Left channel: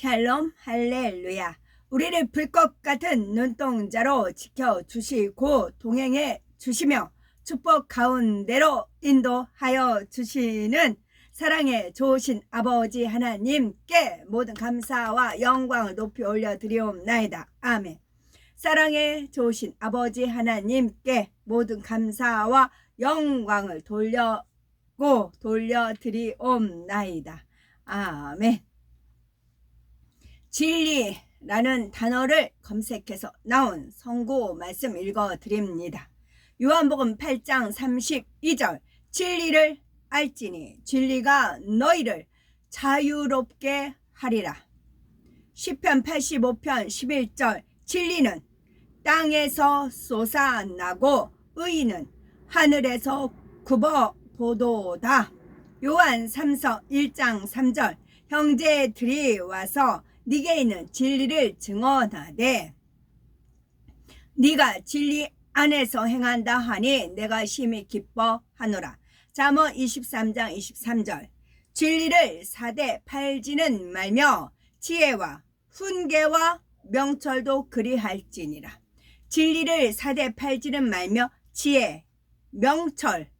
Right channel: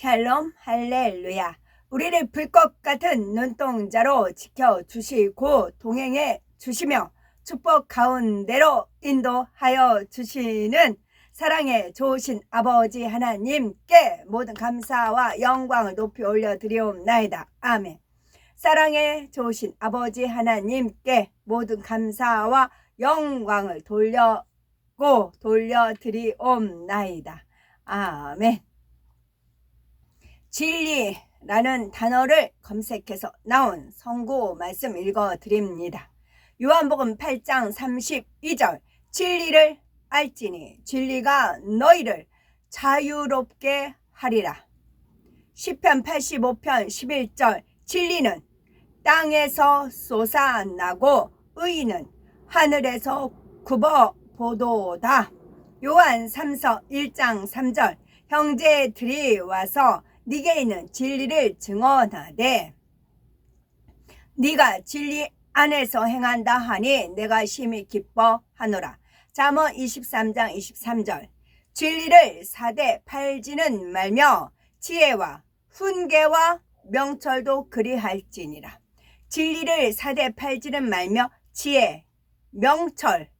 샬롬 할렐루야. 우리를 불꽃 같은 눈동자로 지켜주시고 동행해 주시며 축복 가운데로 인도하여 주시는 사랑의 좋으신 아버지 하나님께 모든 감사와 영광을 높이 올려드리옵나이다. 아멘. 사랑의 좋으신 아버지 하나님께 모든 감사와 영광을 돌려드리옵나이다. 아멘. 진리라는 단어를 검색해서 나온 성구 말씀 읽어드립니다. 요한복음 8장 32절, 진리를 알지니 진리가 너희를 자유롭게 하리라. 시편 85편 11절, 진리는 땅에서 솟아나고 의인은 하늘에서 굽어보도다. 요한 3서 1장 3절, 형제들이 와서 네게 있는 진리를 증언하되 네가 진리 안에서 행한다 하니 내가 심히 기뻐하노라. 잠언 23장 23절, 진리를 사대 팔지는 말며 지혜와 훈계와 명철도 그리할지니라. 진리를 사대 팔지는 말며 지혜, 명철,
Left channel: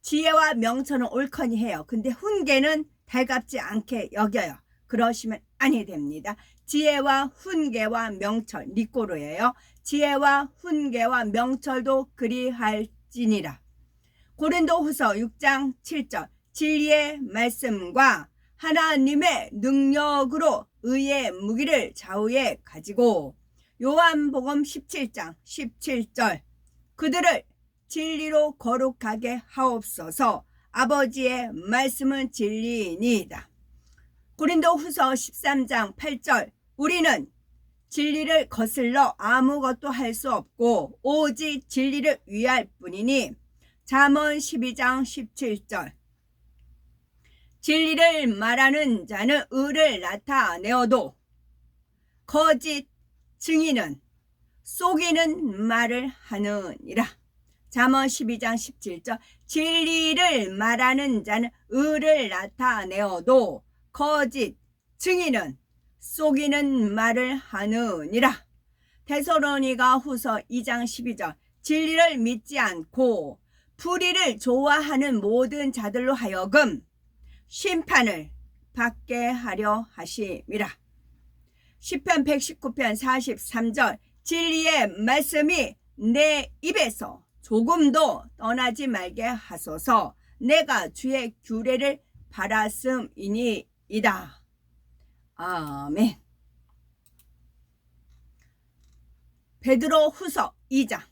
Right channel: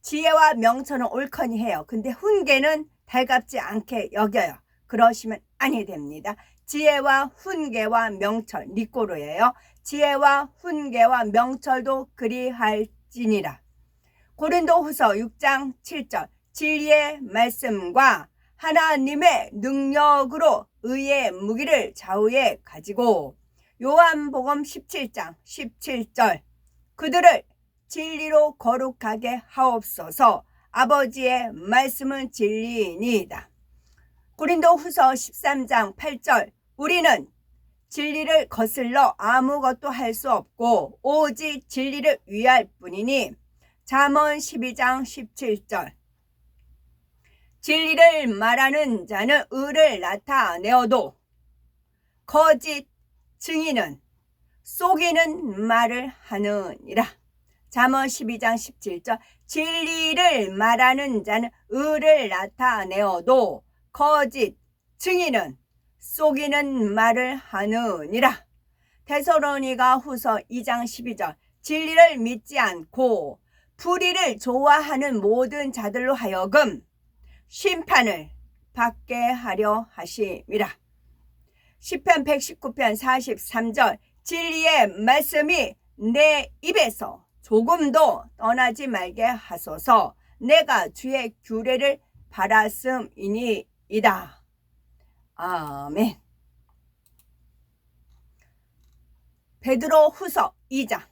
지혜와 명철은 옳거니 해요. 근데 훈계는 달갑지 않게 여겨요. 그러시면 아니 됩니다. 지혜와 훈계와 명철, 니꼬로예요. 지혜와 훈계와 명철도 그리할지니라. 고린도후서 6장 7절, 진리의 말씀과 하나님의 능력으로 의의 무기를 좌우에 가지고. 요한복음 17장 17절, 그들을 진리로 거룩하게 하옵소서. 아버지의 말씀은 진리이니이다. 고린도후서 13장 8절, 우리는 진리를 거슬러 아무것도 할 수 없고 오직 진리를 위할 뿐이니. 잠언 12장 17절, 진리를 말하는 자는 의를 나타내어도 거짓 증인은 속이는 말을 하느니라. 잠언 12장 17절, 진리를 말하는 자는 의를 나타내어도 거짓 증인은 속이는 말을 하느니라. 데살로니가 후서 2장 12절, 진리를 믿지 않고 불의를 좋아하는 모든 자들로 하여금 심판을 받게 하려 하심이라. 시편 119편 43절, 진리의 말씀이 내 입에서 조금도 떠나지 말게 하소서. 내가 주의 규례를 바랐음이니이다. 아멘. 베드로 후서 2장,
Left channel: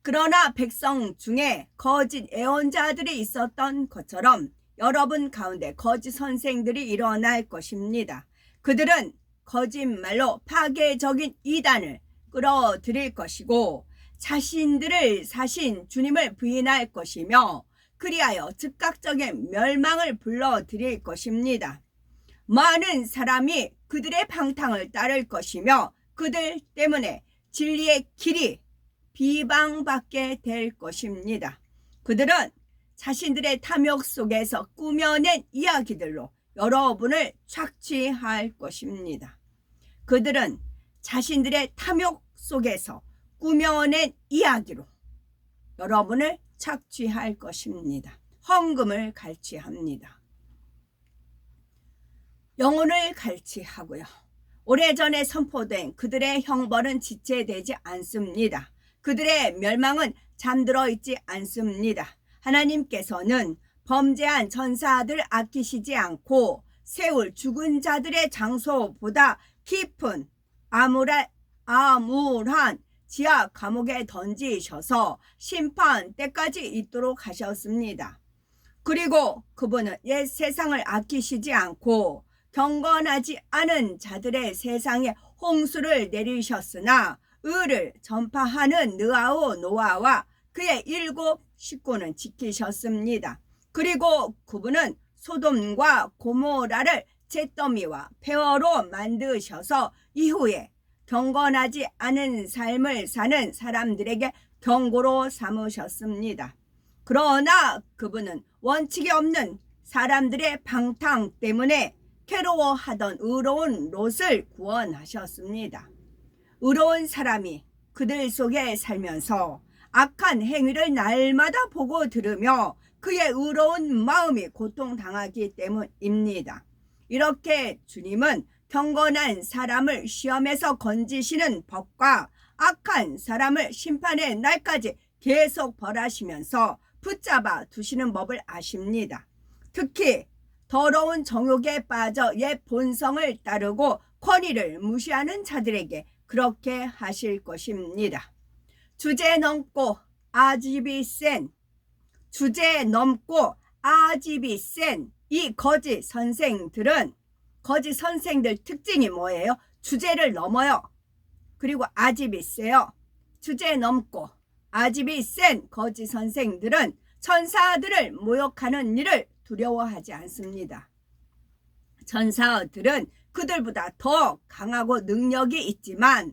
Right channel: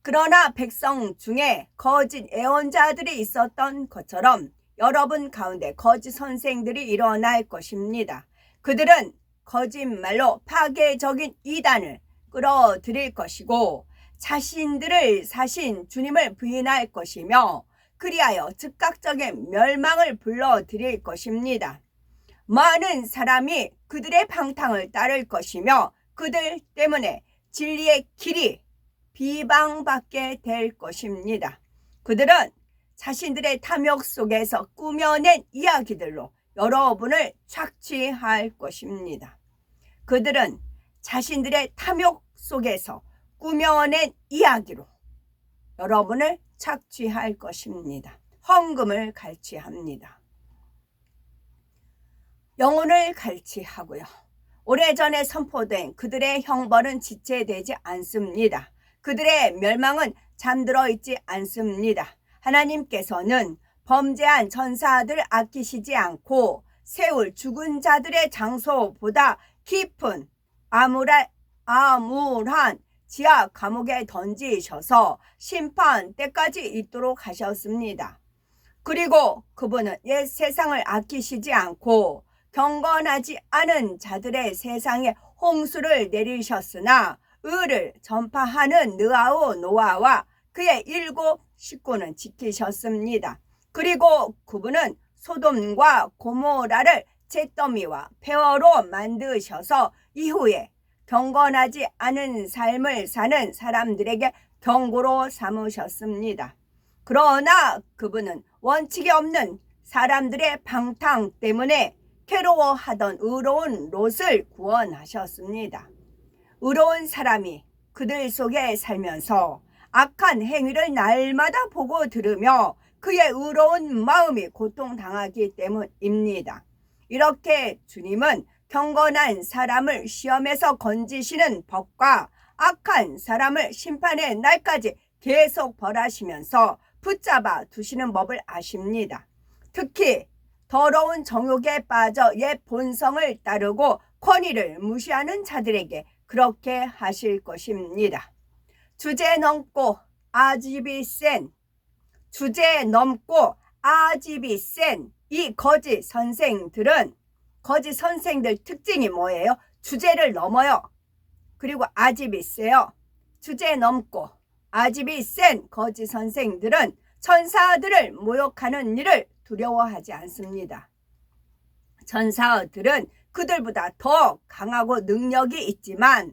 그러나 백성 중에 거짓 예언자들이 있었던 것처럼 여러분 가운데 거짓 선생들이 일어날 것입니다. 그들은 거짓말로 파괴적인 이단을 끌어들일 것이고 자신들을 사신 주님을 부인할 것이며 그리하여 즉각적인 멸망을 불러들일 것입니다. 많은 사람이 그들의 방탕을 따를 것이며 그들 때문에 진리의 길이 비방받게 될 것입니다. 그들은 자신들의 탐욕 속에서 꾸며낸 이야기들로 여러분을 착취할 것입니다. 그들은 자신들의 탐욕 속에서 꾸며낸 이야기로 여러분을 착취할 것입니다. 헌금을 갈취합니다. 영혼을 갈취하고요. 오래전에 선포된 그들의 형벌은 지체되지 않습니다. 그들의 멸망은 잠들어 있지 않습니다. 하나님께서는 범죄한 전사들 아끼시지 않고 세울 죽은 자들의 장소보다 깊은 암울한 지하 감옥에 던지셔서 심판 때까지 있도록 하셨습니다. 그리고 그분은 옛 세상을 아끼시지 않고 경건하지 않은 자들의 세상에 홍수를 내리셨으나 의를 전파하는 느아오 노아와 그의 7 식구는 지키셨습니다. 그리고 그분은 소돔과 고모라를 잿더미와 폐허로 만드셔서 이후에 경건하지 않은 삶을 사는 사람들에게 경고로 삼으셨습니다. 그러나 그분은 원칙이 없는 사람들의 방탕 때문에 괴로워하던 의로운 롯을 구원하셨습니다. 의로운 사람이 그들 속에 살면서 악한 행위를 날마다 보고 들으며 그의 의로운 마음이 고통당하기 때문입니다. 이렇게 주님은 경건한 사람을 시험에서 건지시는 법과 악한 사람을 심판의 날까지 계속 벌하시면서 붙잡아 두시는 법을 아십니다. 특히 더러운 정욕에 빠져 옛 본성을 따르고 권위를 무시하는 자들에게 그렇게 하실 것입니다. 주제 넘고 아집이 센 이 거짓 선생들 특징이 뭐예요? 주제를 넘어요. 그리고 아집이 세요. 주제 넘고 아집이 센 거짓 선생들은 천사들을 모욕하는 일을 두려워하지 않습니다. 천사들은 그들보다 더 강하고 능력이 있지만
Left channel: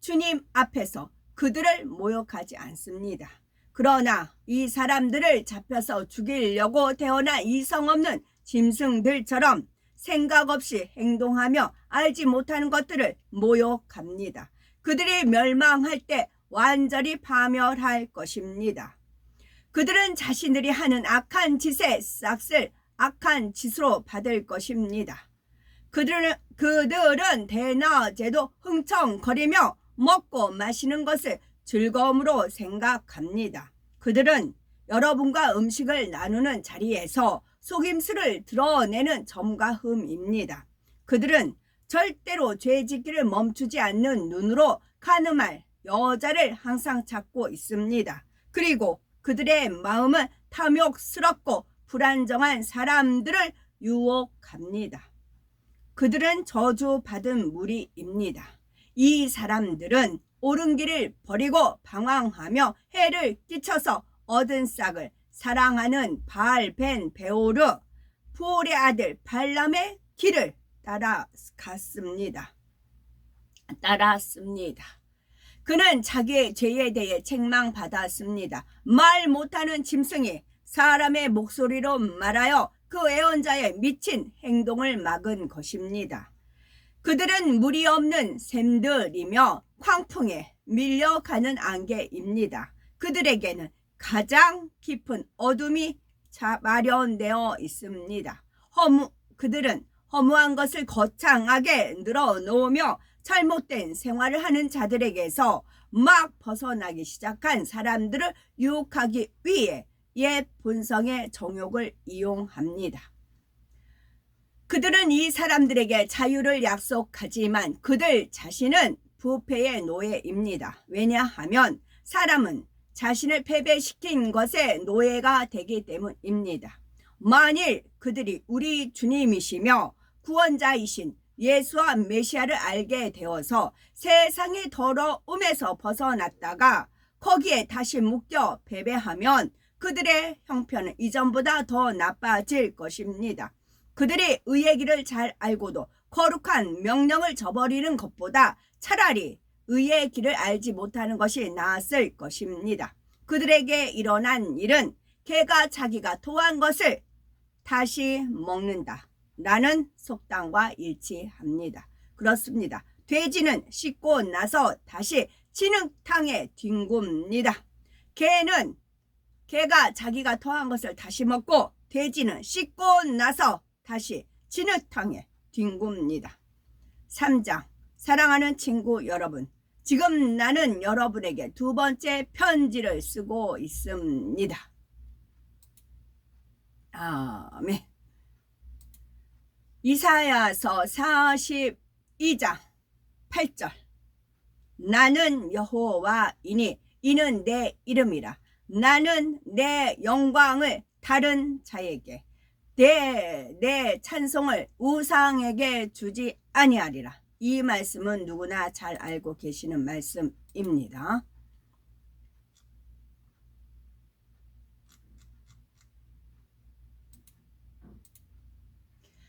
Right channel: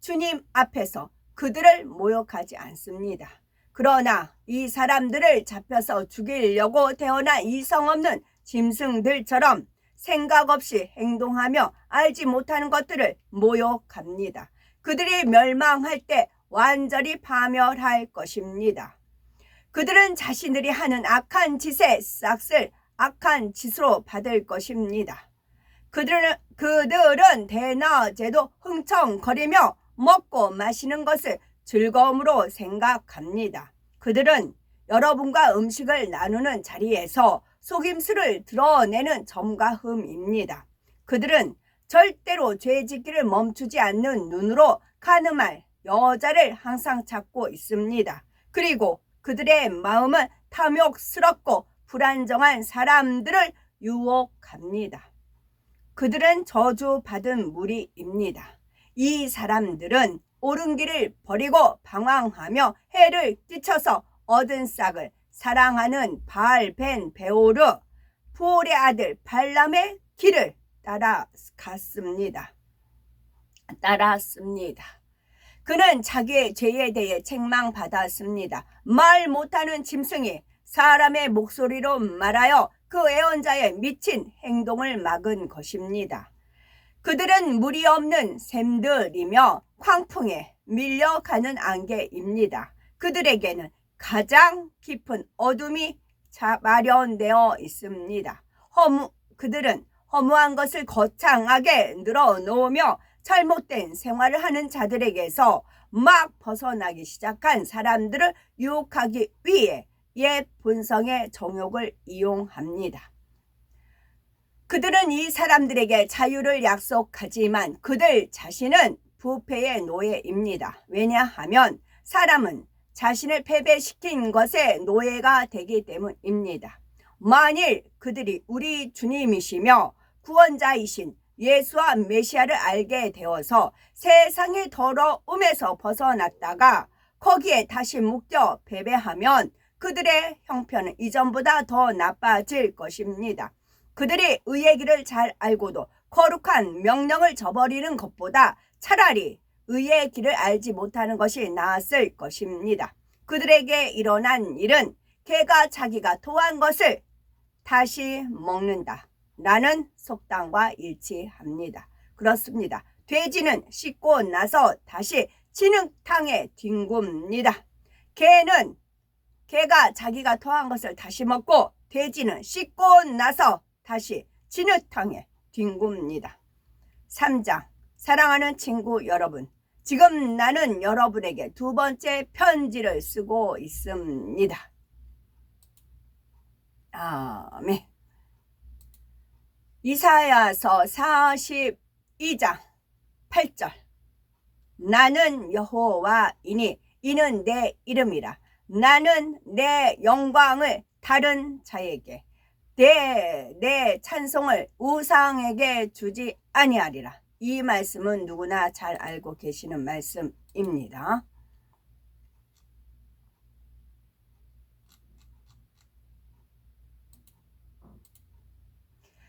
주님 앞에서 그들을 모욕하지 않습니다. 그러나 이 사람들을 잡혀서 죽이려고 태어난 이성 없는 짐승들처럼 생각 없이 행동하며 알지 못하는 것들을 모욕합니다. 그들이 멸망할 때 완전히 파멸할 것입니다. 그들은 자신들이 하는 악한 짓의 싹을 악한 짓으로 받을 것입니다. 그들은 대낮에도 흥청거리며 먹고 마시는 것을 즐거움으로 생각합니다. 그들은 여러분과 음식을 나누는 자리에서 속임수를 드러내는 점과흠입니다. 그들은 절대로 죄짓기를 멈추지 않는 눈으로 가늠할 여자를 항상 찾고 있습니다. 그리고 그들의 마음은 탐욕스럽고 불안정한 사람들을 유혹합니다. 그들은 저주받은 무리입니다. 이 사람들은 옳은 길을 버리고 방황하며 해를 끼쳐서 얻은 싹을 사랑하는 바알벤 베오르 부올의 아들 발람의 길을 따랐습니다. 그는 자기의 죄에 대해 책망받았습니다. 말 못하는 짐승이 사람의 목소리로 말하여 그 애언자의 미친 행동을 막은 것입니다. 그들은 물이 없는 샘들이며 광풍에 밀려가는 안개입니다. 그들에게는 가장 깊은 어둠이 마련되어 있습니다. 그들은 허무한 것을 거창하게 늘어놓으며 잘못된 생활을 하는 자들에게서 막 벗어나기 시작한 사람들을 유혹하기 위해 옛 본성의 정욕을 이용합니다. 그들은 이 사람들에게 자유를 약속하지만 그들 자신은 부패의 노예입니다. 왜냐하면 사람은 자신을 패배시킨 것의 노예가 되기 때문입니다. 만일 그들이 우리 주님이시며 구원자이신 예수와 메시아를 알게 되어서 세상의 더러움에서 벗어났다가 거기에 다시 묶여 패배하면 그들의 형편은 이전보다 더 나빠질 것입니다. 그들이 의의 길을 잘 알고도 거룩한 명령을 저버리는 것보다 차라리 의의 길을 알지 못하는 것이 나았을 것입니다. 그들에게 일어난 일은 개가 자기가 토한 것을 다시 먹는다 라는 속담과 일치합니다. 그렇습니다. 돼지는 씻고 나서 다시 진흙탕에 뒹굽니다. 개가 자기가 토한 것을 다시 먹고 돼지는 씻고 나서 다시 진흙탕에 뒹굽니다. 3장. 사랑하는 친구 여러분, 지금 나는 여러분에게 두 번째 편지를 쓰고 있습니다. 아멘. 이사야서 42장 8절. 나는 여호와이니 이는 내 이름이라. 나는 내 영광을 다른 자에게 내 찬송을 우상에게 주지 아니하리라. 이 말씀은 누구나 잘 알고 계시는 말씀입니다.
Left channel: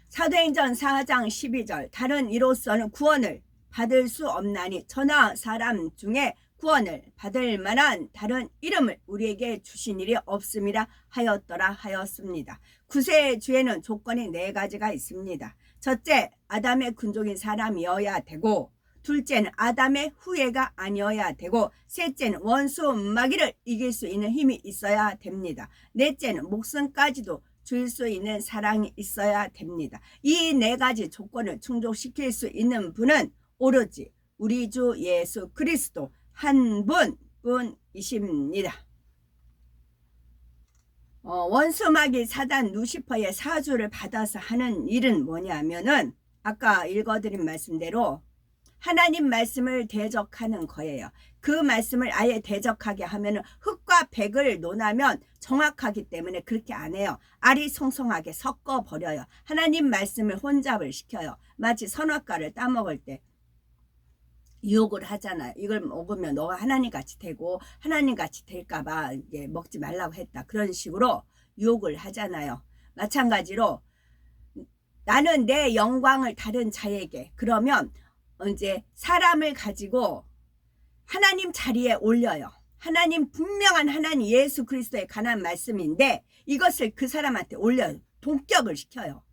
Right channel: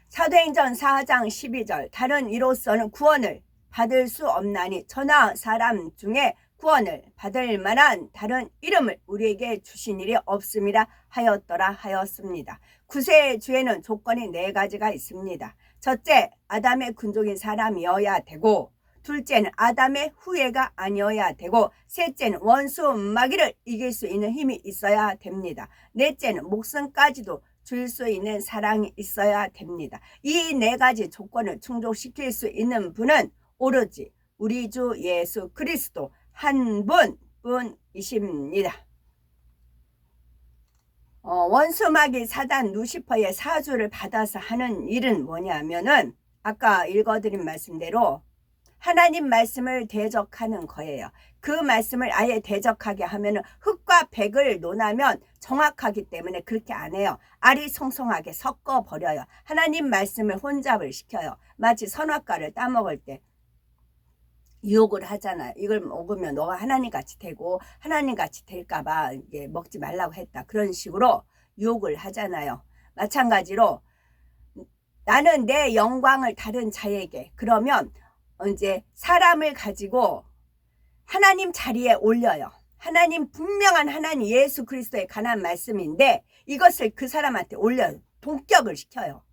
사도행전 4장 12절. 다른 이로서는 구원을 받을 수 없나니 천하 사람 중에 구원을 받을 만한 다른 이름을 우리에게 주신 일이 없음이라 하였더라 하였습니다. 구세주에는 조건이 4가지가 있습니다. 첫째, 아담의 군족인 사람이어야 되고, 둘째는 아담의 후예가 아니어야 되고, 셋째는 원수 마귀를 이길 수 있는 힘이 있어야 됩니다. 넷째는 목숨까지도 줄 수 있는 사랑이 있어야 됩니다. 이 네 가지 조건을 충족시킬 수 있는 분은 오로지 우리 주 예수 그리스도 한 분뿐이십니다. 원수 마귀 사단 루시퍼의 사주를 받아서 하는 일은 뭐냐면은 아까 읽어드린 말씀대로 하나님 말씀을 대적하는 거예요. 그 말씀을 아예 대적하게 하면은 흙과 백을 논하면 정확하기 때문에 그렇게 안 해요. 아리송송하게 섞어버려요. 하나님 말씀을 혼잡을 시켜요. 마치 선악과를 따먹을 때 유혹을 하잖아요. 이걸 먹으면 너가 하나님같이 되고 하나님같이 될까봐 이게 먹지 말라고 했다. 그런 식으로 유혹을 하잖아요. 마찬가지로 나는 내 영광을 다른 자에게, 그러면 이제 사람을 가지고 하나님 자리에 올려요. 하나님, 분명한 하나님 예수 그리스도에 관한 말씀인데 이것을 그 사람한테 올려요. 동격을 시켜요.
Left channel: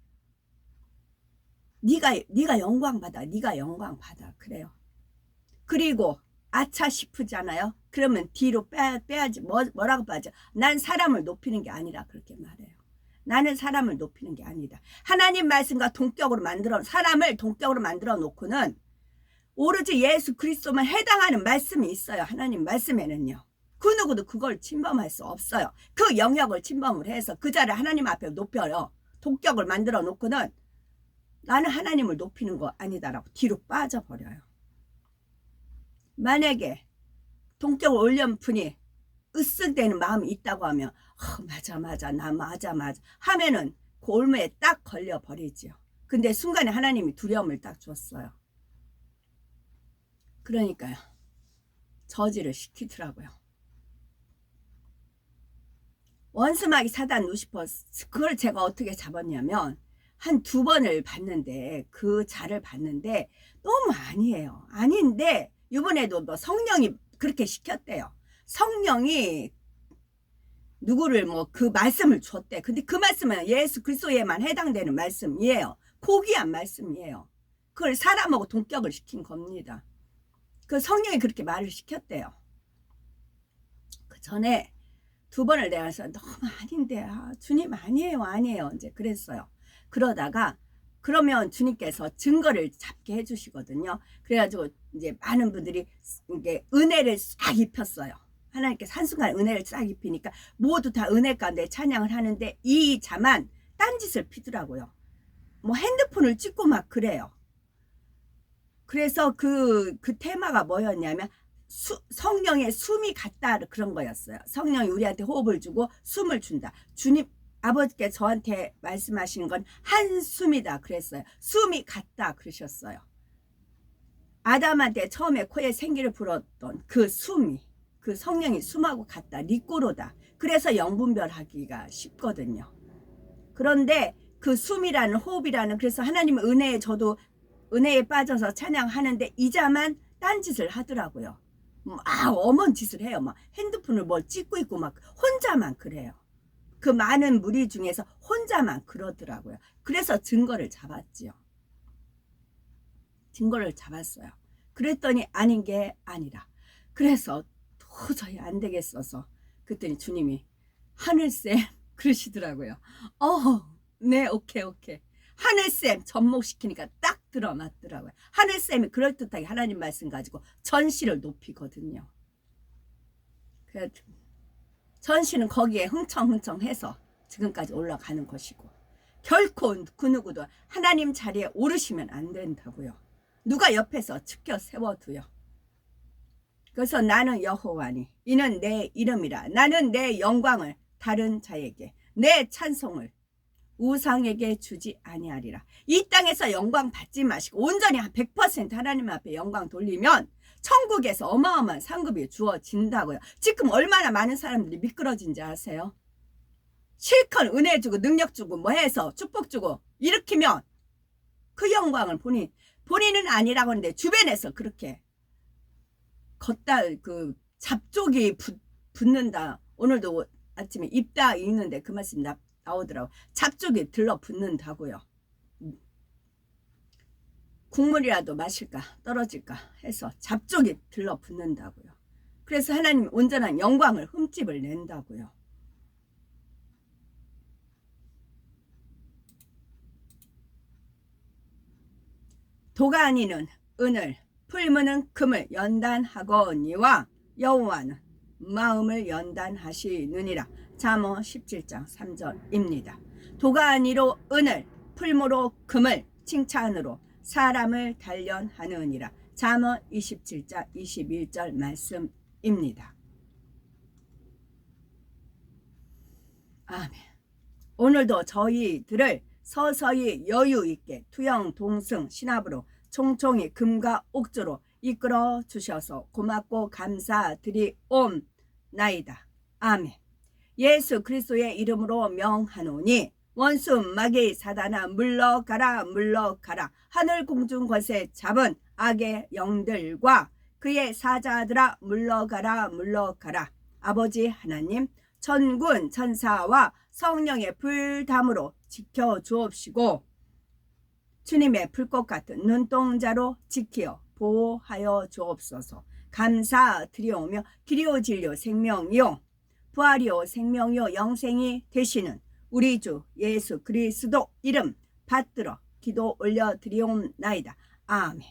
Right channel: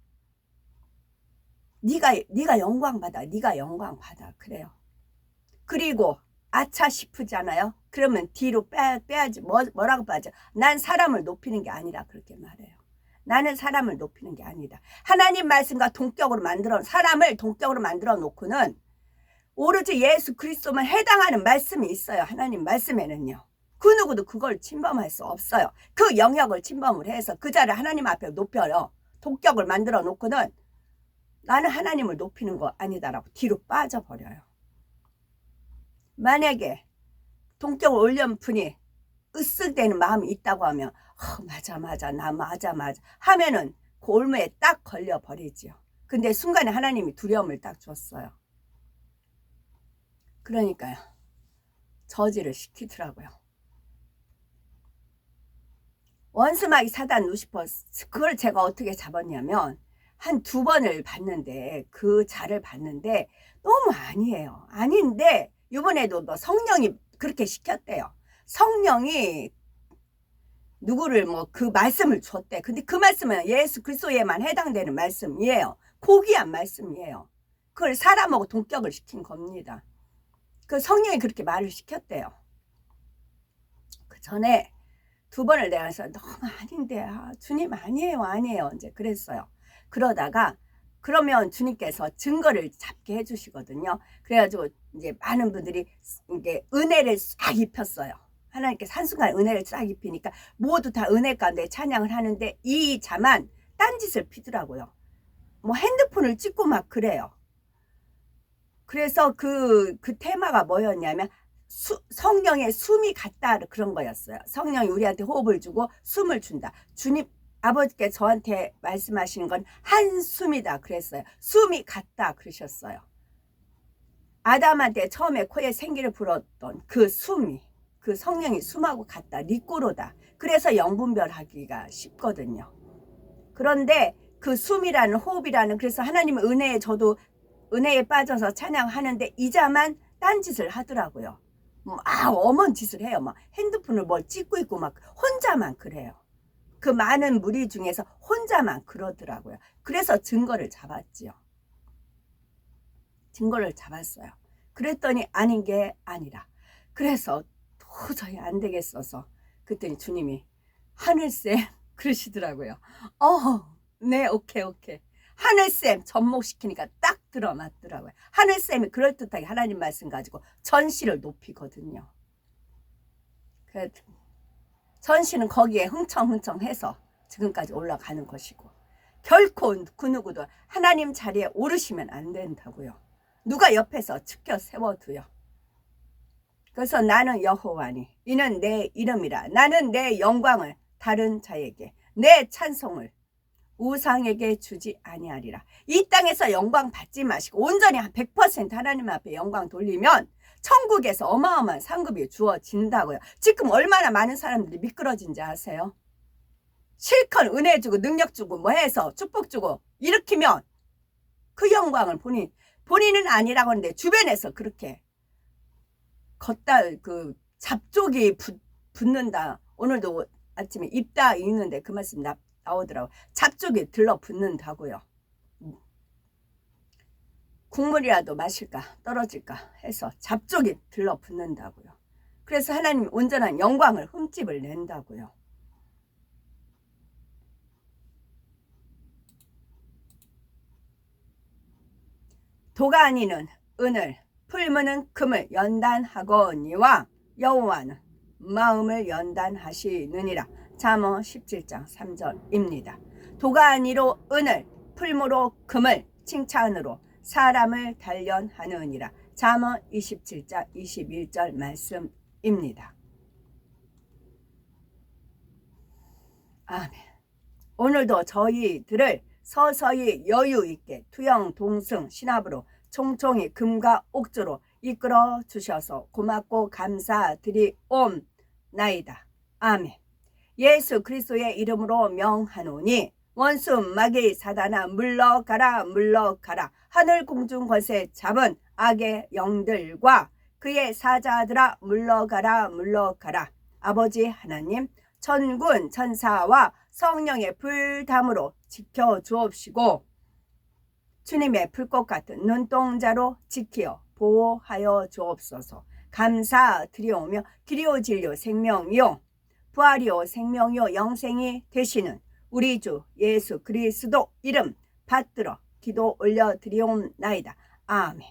네가 영광 받아. 네가 영광 받아. 그래요. 그리고 아차 싶으잖아요. 그러면 뒤로 빼야지. 뭐라고 빠져? 난 사람을 높이는 게 아니라 그렇게 말해요. 나는 사람을 높이는 게 아니다. 하나님 말씀과 동격으로 사람을 동격으로 만들어 놓고는 오로지 예수 그리스도만 해당하는 말씀이 있어요. 하나님 말씀에는요. 그 누구도 그걸 침범할 수 없어요. 그 영역을 침범을 해서 그 자를 하나님 앞에 높여요. 동격을 만들어 놓고는 나는 하나님을 높이는 거 아니다라고 뒤로 빠져버려요. 만약에 동격을 올린 분이 으쓱대는 마음이 있다고 하면 맞아 나 맞아 하면은 그 올무에 딱 걸려버리죠. 근데 순간에 하나님이 두려움을 딱 줬어요. 그러니까요. 저지를 시키더라고요. 원수마귀 사단 루시퍼, 그걸 제가 어떻게 잡았냐면 한 2번을 봤는데 그 자를 봤는데 너무 아니에요. 아닌데 이번에도 뭐 성령이 그렇게 시켰대요. 성령이 누구를 뭐 그 말씀을 줬대. 근데 그 말씀은 예수 그리스도에만 해당되는 말씀이에요. 고귀한 말씀이에요. 그걸 사람하고 동격을 시킨 겁니다. 그 성령이 그렇게 말을 시켰대요. 그 전에 2번을 내가서 너무 아닌데, 주님 아니에요 이제 그랬어요. 그러다가 그러면 주님께서 증거를 잡게 해주시거든요. 그래가지고 이제 많은 분들이 이게 은혜를 싹 입혔어요. 하나님께서 한순간 은혜를 싹 입히니까 모두 다 은혜 가운데 찬양을 하는데 이 자만 딴짓을 피더라고요. 뭐 핸드폰을 찍고 막 그래요. 그래서 그 테마가 뭐였냐면 성령의 숨이 같다, 그런 거였어요. 성령이 우리한테 호흡을 주고 숨을 준다. 주님 아버지께 저한테 말씀하시는 건 한숨이다 그랬어요. 숨이 같다 그러셨어요. 아담한테 처음에 코에 생기를 불었던 그 숨이, 그 성령이 숨하고 같다, 리꼬로다. 그래서 영분별하기가 쉽거든요. 그런데 그 숨이라는, 호흡이라는, 그래서 하나님의 은혜에 저도 은혜에 빠져서 찬양하는데 이 자만 딴짓을 하더라고요. 엄한 짓을 해요. 막 핸드폰을 뭘 찍고 있고 막 혼자만 그래요. 그 많은 무리 중에서 혼자만 그러더라고요. 그래서 증거를 잡았지요. 증거를 잡았어요. 그랬더니 아닌 게 아니라, 그래서 도저히 안 되겠어서 그랬더니 주님이 하늘쌤 그러시더라고요. 네, 오케이. 하늘쌤 접목시키니까 딱 드러났더라고요. 하늘쌤이 그럴듯하게 하나님 말씀 가지고 전시를 높이거든요. 전시는 거기에 흥청흥청해서 지금까지 올라가는 것이고, 결코 그 누구도 하나님 자리에 오르시면 안 된다고요. 누가 옆에서 지켜 세워두요. 그래서 나는 여호와니 이는 내 이름이라. 나는 내 영광을 다른 자에게, 내 찬송을 우상에게 주지 아니하리라. 이 땅에서 영광 받지 마시고 온전히 한 100% 하나님 앞에 영광 돌리면 천국에서 어마어마한 상급이 주어진다고요. 지금 얼마나 많은 사람들이 미끄러진지 아세요? 실컷 은혜 주고 능력 주고 뭐 해서 축복 주고 일으키면 그 영광을 본인은 아니라고 하는데 주변에서 그렇게 걷다 그 잡족이 붙는다. 오늘도 아침에 입다 읽는데 그 말씀 나오더라고. 잡족이 들러붙는다고요. 국물이라도 마실까 떨어질까 해서 잡족이 들러붙는다고요. 그래서 하나님이 온전한 영광을 흠집을 낸다고요. 도가 아니는 은을 풀무는 금을 연단하거니와 여호와는 마음을 연단하시느니라. 잠언 17장 3절입니다. 도가 아니로 은을 풀무로 금을 칭찬으로 사람을 단련하느니라. 잠언 27장 21절 말씀입니다. 아멘. 오늘도 저희들을 서서히 여유있게 투영 동승 신합으로 총총히 금과 옥조로 이끌어 주셔서 고맙고 감사드리옵나이다. 아멘. 예수 그리스도의 이름으로 명하노니 원수 마귀 사단아 물러가라 물러가라. 하늘 공중 권세 잡은 악의 영들과 그의 사자들아 물러가라 물러가라. 아버지 하나님 천군 천사와 성령의 불담으로 지켜주옵시고 주님의 불꽃 같은 눈동자로 지키어 보호하여 주옵소서. 감사드리오며 길이요 진리요 생명이요 부활이요 생명이요 영생이 되시는 우리 주 예수 그리스도 이름 받들어 기도 올려드리옵나이다. 아멘.